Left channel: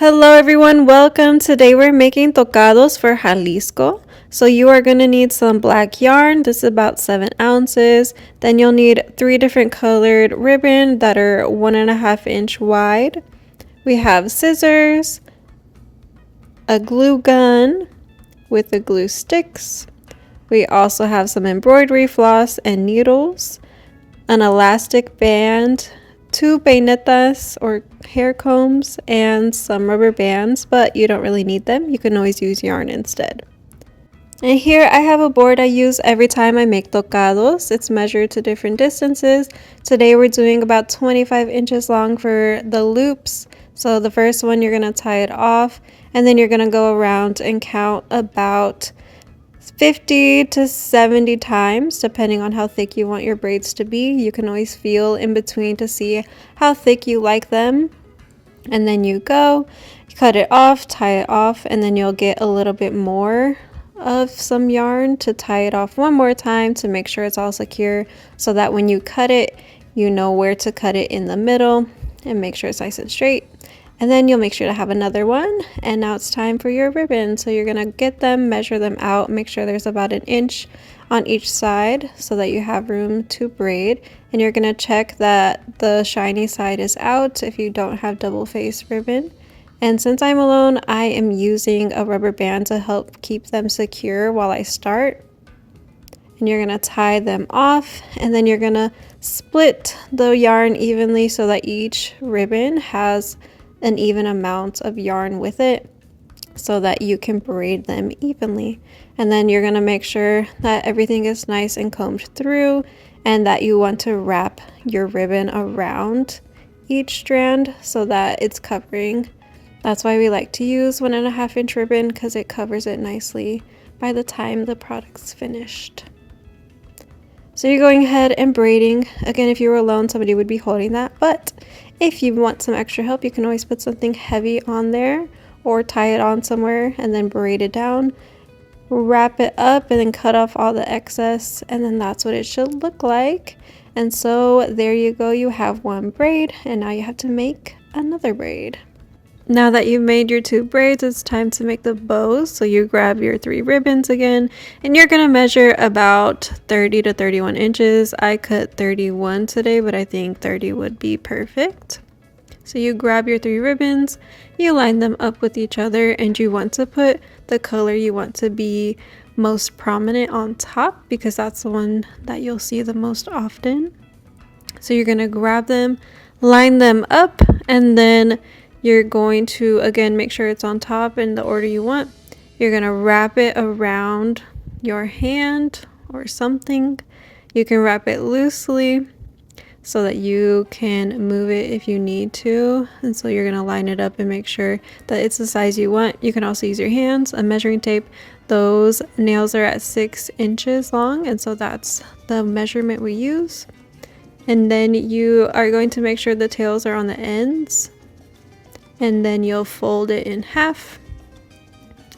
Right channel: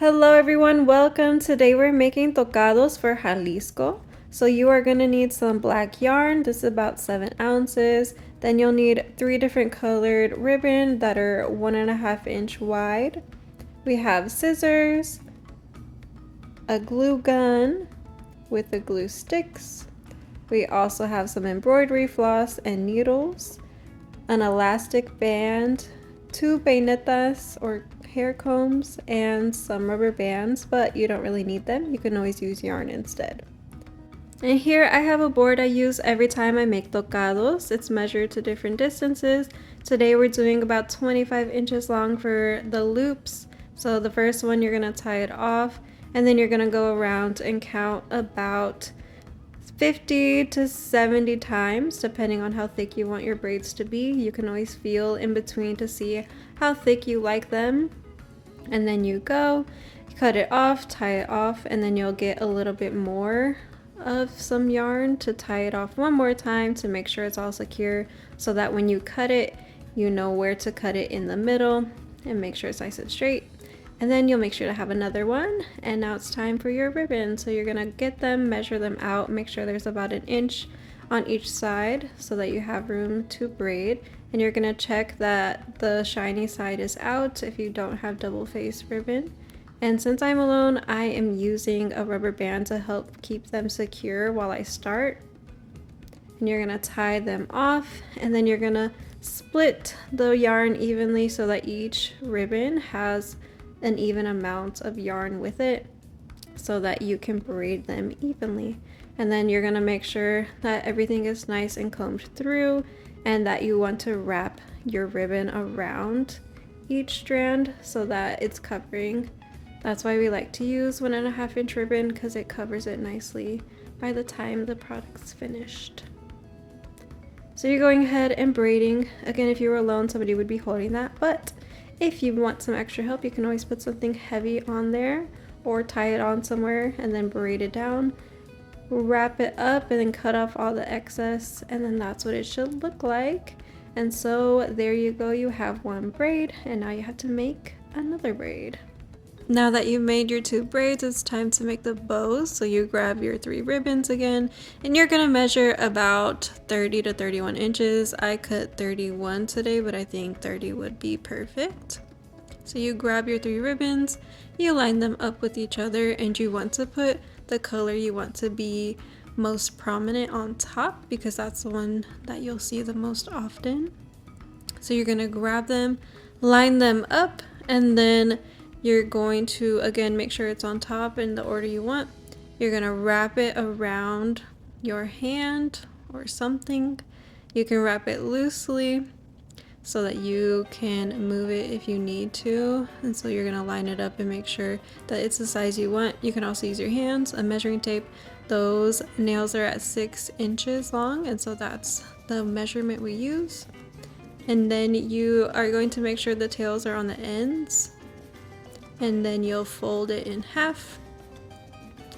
Hello everyone, welcome. Today we're making tocados for Jalisco. So you are going to need some black yarn. This is about 7 ounces. Then you'll need 3 different colored ribbon that are 1.5 inch wide. We have scissors, a glue gun with the glue sticks. We also have some embroidery floss and needles, an elastic band, 2 peinetas or hair combs, and some rubber bands, but you don't really need them. You can always use yarn instead. And here I have a board I use every time I make tocados. It's measured to different distances. Today we're doing about 25 inches long for the loops. So the first one, you're going to tie it off, and then you're going to go around and count about 50 to 70 times, depending on how thick you want your braids to be. You can always feel in between to see how thick you like them. And then you cut it off, tie it off, and then you'll get a little bit more of some yarn to tie it off one more time to make sure it's all secure, so that when you cut it, you know where to cut it in the middle and make sure it's nice and straight. And then you'll make sure to have another one. And now it's time for your ribbon. So you're gonna get them, measure them out, make sure there's about 1 inch on each side so that you have room to braid. And you're gonna check that the shiny side is out if you don't have double face ribbon. And since I'm alone, I am using a rubber band to help keep them secure while I start. And you're gonna tie them off, and then you're gonna split the yarn evenly so that each ribbon has an even amount of yarn with it so that you can braid them evenly. And then you're going to make sure that everything is nice and combed through, and that you want to wrap your ribbon around each strand so that it's covering. That's why we like to use 1.5 inch ribbon, because it covers it nicely by the time the product's finished. So you're going ahead and braiding. Again, if you were alone, somebody would be holding that, but if you want some extra help, you can always put something heavy on there or tie it on somewhere and then braid it down. Wrap it up and then cut off all the excess, and then that's what it should look like. And so there you go, you have one braid, and now you have to make another braid. Now that you've made your 2 braids, it's time to make the bows. So you grab your 3 ribbons again, and you're going to measure about 30 to 31 inches. I cut 31 today, but I think 30 would be perfect. So you grab your 3 ribbons, you line them up with each other, and you want to put the color you want to be most prominent on top, because that's the one that you'll see the most often. So you're going to grab them, line them up, and then you're going to, again, make sure it's on top in the order you want. You're going to wrap it around your hand or something. You can wrap it loosely so that you can move it if you need to. And so you're going to line it up and make sure that it's the size you want. You can also use your hands, a measuring tape. Those nails are at 6 inches long, and so that's the measurement we use. And then you are going to make sure the tails are on the ends. And then you'll fold it in half,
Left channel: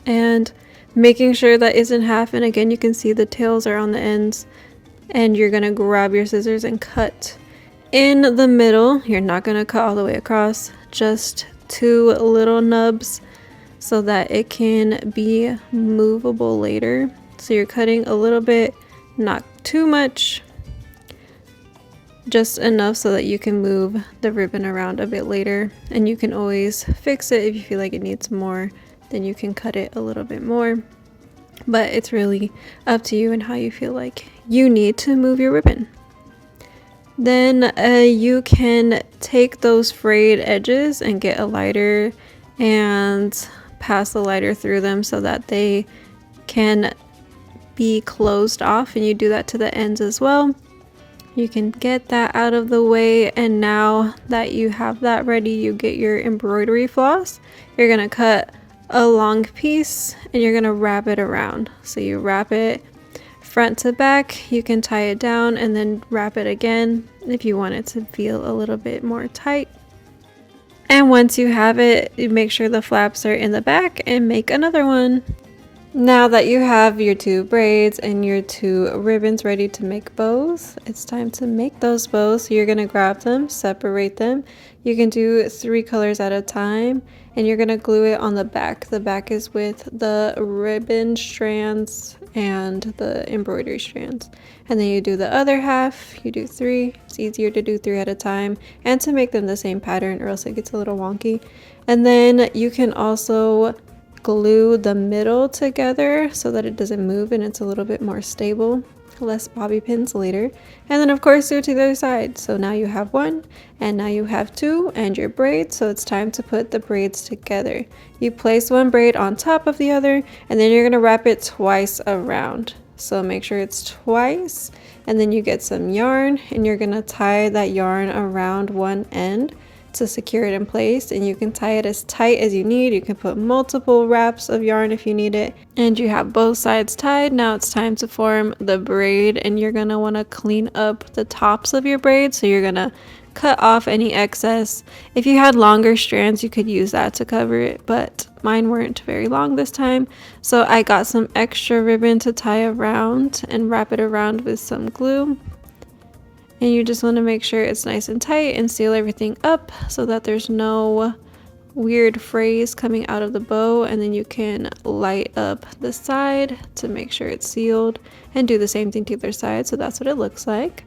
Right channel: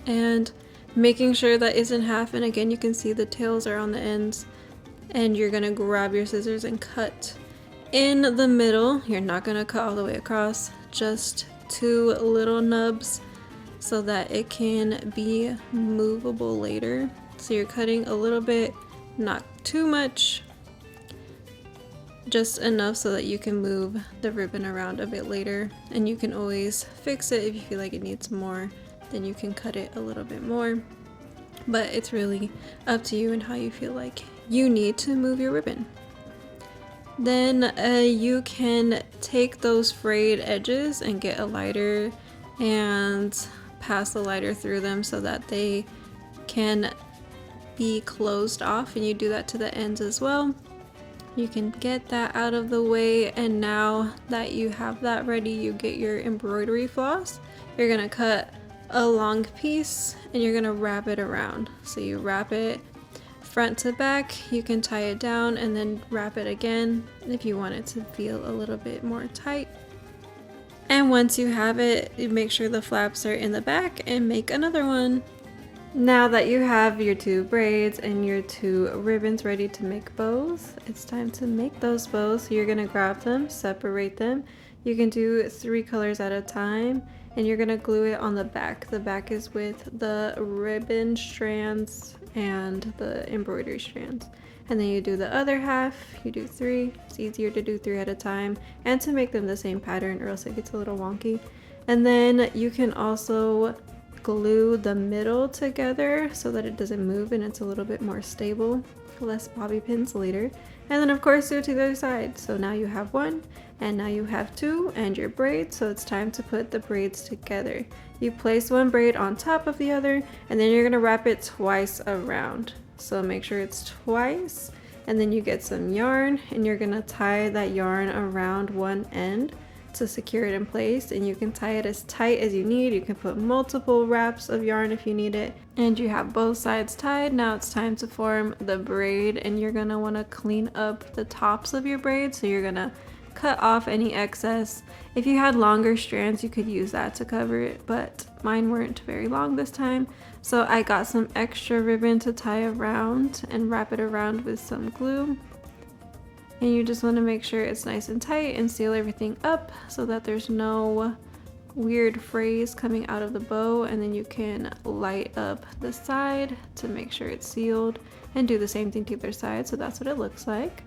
and making sure that it's in half. And again, you can see the tails are on the ends, and you're gonna grab your scissors and cut in the middle. You're not gonna cut all the way across, just 2 little nubs so that it can be movable later. So you're cutting a little bit, not too much, just enough so that you can move the ribbon around a bit later. And you can always fix it if you feel like it needs more, then you can cut it a little bit more. But it's really up to you and how you feel like you need to move your ribbon. Then you can take those frayed edges and get a lighter and pass the lighter through them so that they can be closed off, and you do that to the ends as well. You can get that out of the way, and now that you have that ready, you get your embroidery floss. You're gonna cut a long piece and you're gonna wrap it around. So you wrap it front to back. You can tie it down and then wrap it again if you want it to feel a little bit more tight. And once you have it, you make sure the flaps are in the back and make another one. Now that you have your 2 braids and your 2 ribbons ready to make bows, it's time to make those bows. So you're going to grab them, separate them. You can do 3 colors at a time, and you're gonna glue it on the back. The back is with the ribbon strands and the embroidery strands. And then you do the other half, you do 3. It's easier to do 3 at a time and to make them the same pattern, or else it gets a little wonky. And then you can also glue the middle together so that it doesn't move and it's a little bit more stable. Less bobby pins later. And then of course do it to the other side. So now you have 1 and now you have 2 and your braids. So it's time to put the braids together. You place 1 braid on top of the other, and then you're going to wrap it twice around. So make sure it's twice, and then you get some yarn and you're going to tie that yarn around one end to secure it in place, and you can tie it as tight as you need. You can put multiple wraps of yarn if you need it, and you have both sides tied. Now it's time to form the braid, and you're gonna want to clean up the tops of your braid. So you're gonna cut off any excess. If you had longer strands, you could use that to cover it, but mine weren't very long this time, so I got some extra ribbon to tie around and wrap it around with some glue. And you just want to make sure it's nice and tight and seal everything up so that there's no weird frays coming out of the bow. And then you can light up the side to make sure it's sealed and do the same thing to the other side. So that's what it looks like.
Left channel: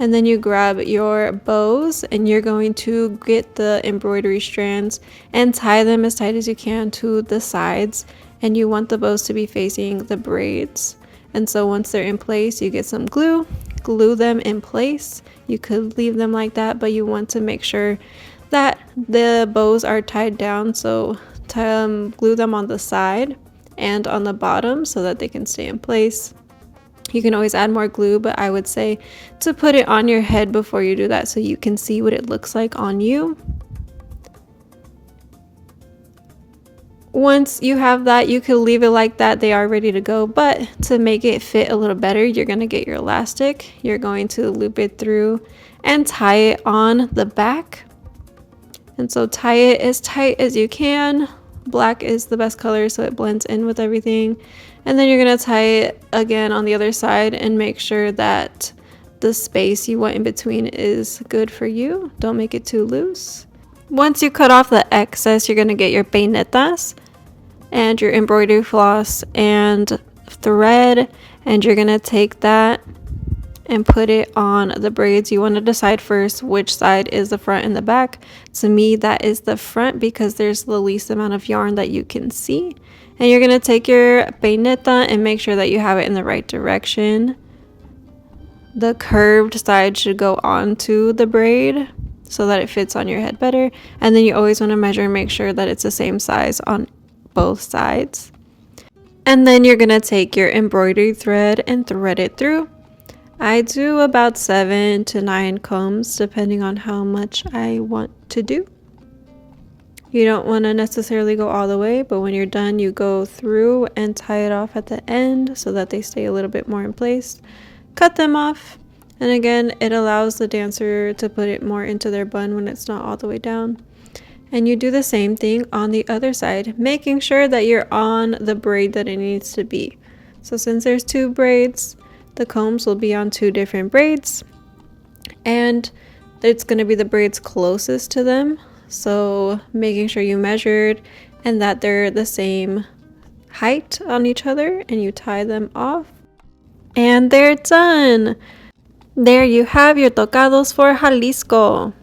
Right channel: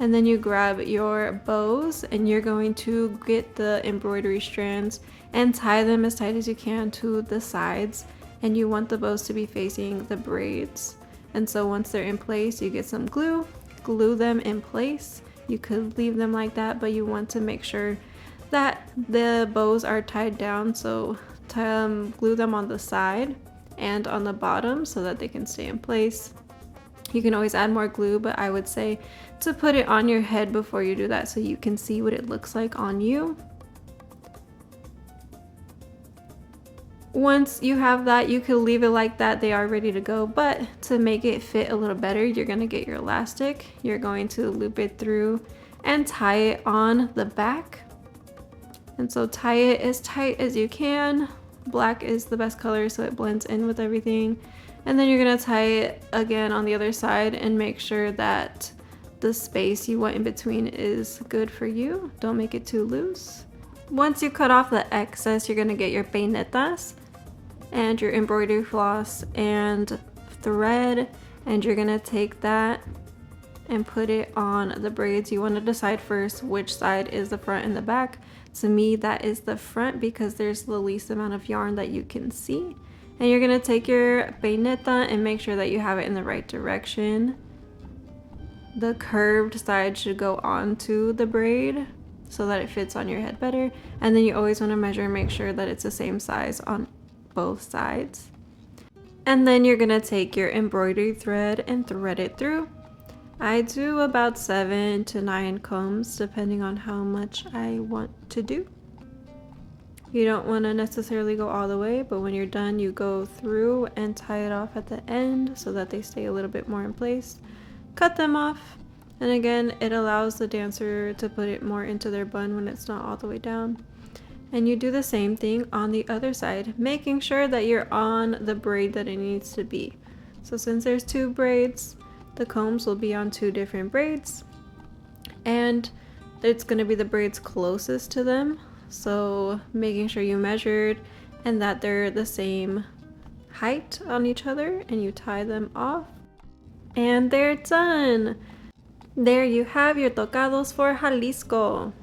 And then you grab your bows and you're going to get the embroidery strands and tie them as tight as you can to the sides. And you want the bows to be facing the braids. And so once they're in place, you get some glue. Glue them in place. You could leave them like that, but you want to make sure that the bows are tied down. So glue them on the side and on the bottom so that they can stay in place. You can always add more glue, but I would say to put it on your head before you do that so you can see what it looks like on you. Once you have that, you can leave it like that. They are ready to go, but to make it fit a little better, you're going to get your elastic. You're going to loop it through and tie it on the back. And so tie it as tight as you can. Black is the best color, so it blends in with everything. And then you're going to tie it again on the other side and make sure that the space you want in between is good for you. Don't make it too loose. Once you cut off the excess, you're going to get your peinetas and your embroidery floss and thread, and you're going to take that and put it on the braids. You want to decide first which side is the front and the back. To me, that is the front because there's the least amount of yarn that you can see. And you're going to take your peineta and make sure that you have it in the right direction. The curved side should go onto the braid so that it fits on your head better. And then you always want to measure and make sure that it's the same size on both sides. And then you're going to take your embroidery thread and thread it through. I do about 7 to 9 combs depending on how much I want to do. You don't want to necessarily go all the way, but when you're done, you go through and tie it off at the end so that they stay a little bit more in place. Cut them off. And again, it allows the dancer to put it more into their bun when it's not all the way down. And you do the same thing on the other side, making sure that you're on the braid that it needs to be. So since there's 2 braids, the combs will be on 2 different braids. And it's going to be the braids closest to them. So making sure you measured and that they're the same height on each other, and you tie them off. And they're done! There you have your tocados for Jalisco.